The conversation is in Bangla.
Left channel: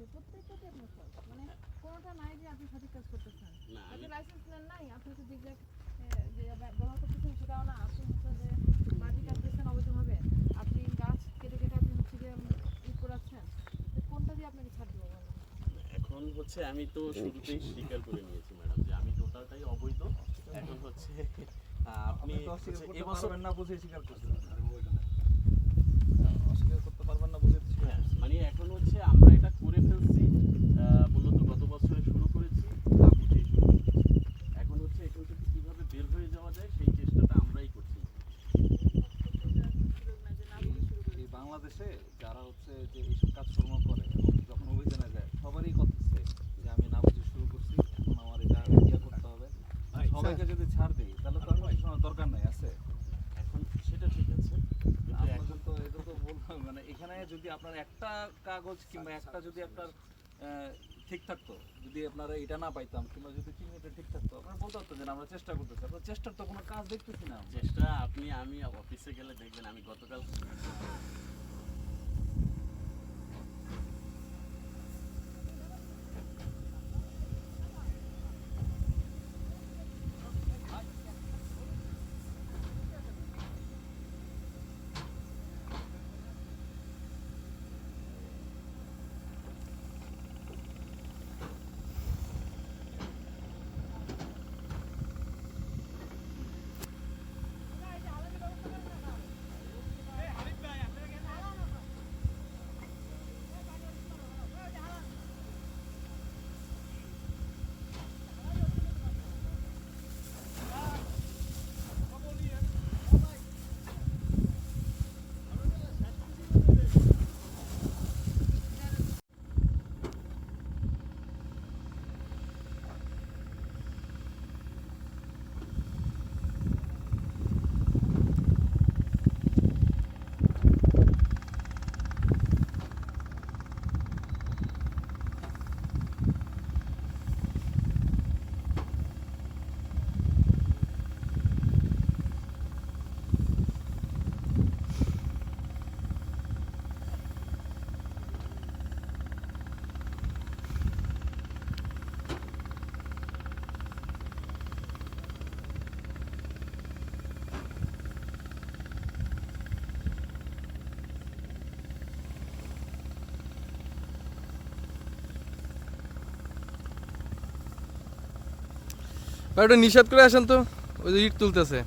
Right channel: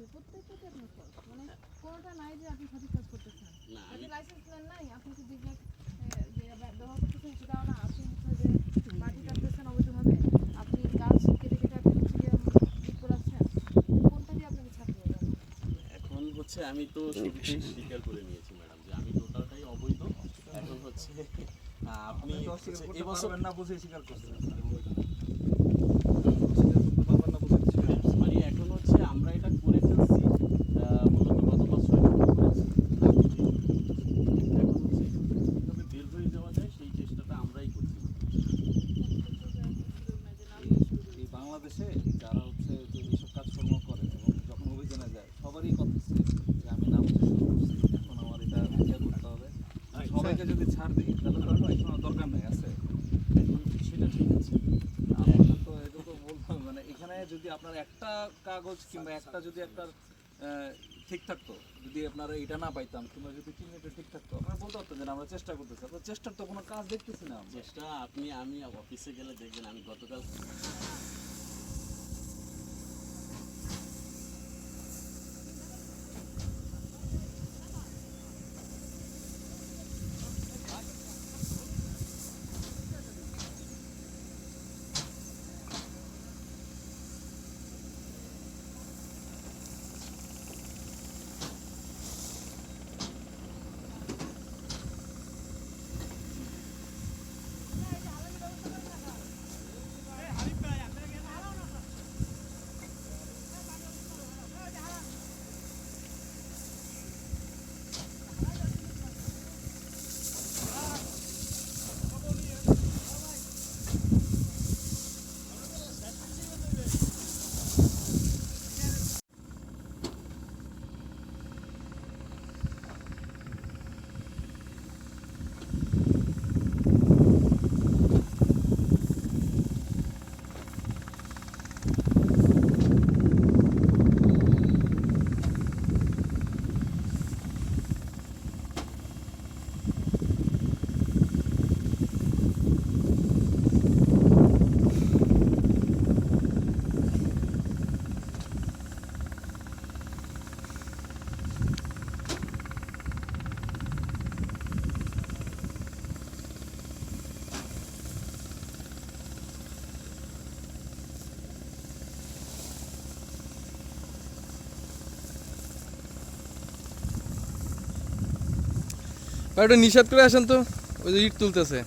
আছে প্রত্যেকটাতে আপনার ফল্ট, মানে কোনোটা নাই যে আপনি সঠিক কাজ করতেছেন। আপনি লাইসেন্স নেন নাই, আপনি তো যে ব্যবহার করতেছেন সেটাও না, আপনি হচ্ছে যে মাটি কাটতেছেন অবৈধভাবে, আপনি গাছ কেটে কেটে আপনি হচ্ছে গিয়ে ই করাচ্ছেন, কোনটা দিয়ে আপনাকে ছাড়তে হবে? এখন হচ্ছে আমি তো শুরুতেই স্বীকার করে নিয়েছি ম্যাডাম যে আমি টোটালটাই অবৈধ। এখন হচ্ছে আপনি এবছর না বুঝে স্বীকার করছেন, মানে এখন হচ্ছে আমরা এটা করে ফেলছি মূলত গত বছর শুরু করেছি। এখন হচ্ছে এখান থেকে কীভাবে বের হয়ে যাওয়া যায় সেই চেষ্টাটা আমরাই করছি। এই বাংলাদেশে যারা হচ্ছে যে এইসব কাজকর্ম করে এবং যখন অভিযানে যায় সবারই কথা যে আমি না বুঝে শুরু করছি, এখন আমার এটা করতে হবে। সবাইকে যদি ছাড় দিই তাহলে তো আর দরকার নেই আছে। এখন সেটা ঠিক আছে, এখন তো এটা তো বললাম, মানে এখানে যদি আপনার একটা কাগজ কিংবা একটা যদি আপনার ঠিক থাকতো, যদি আপনারা এটা না পাইতাম কিংবা যদি চিহ্নটা ঠিক থাকতো, আপনারা বলতে পারতেন যে আমরা চেষ্টা করতেছি। আপনার চেষ্টার তো কোনো কাজ দেখতেছি না। চেষ্টা আমি অফিসে গেলে দেখবেন আমি গতকাল ওটা নিষেধ করে আসেন তো, ওই যে ইট তুলতেছে।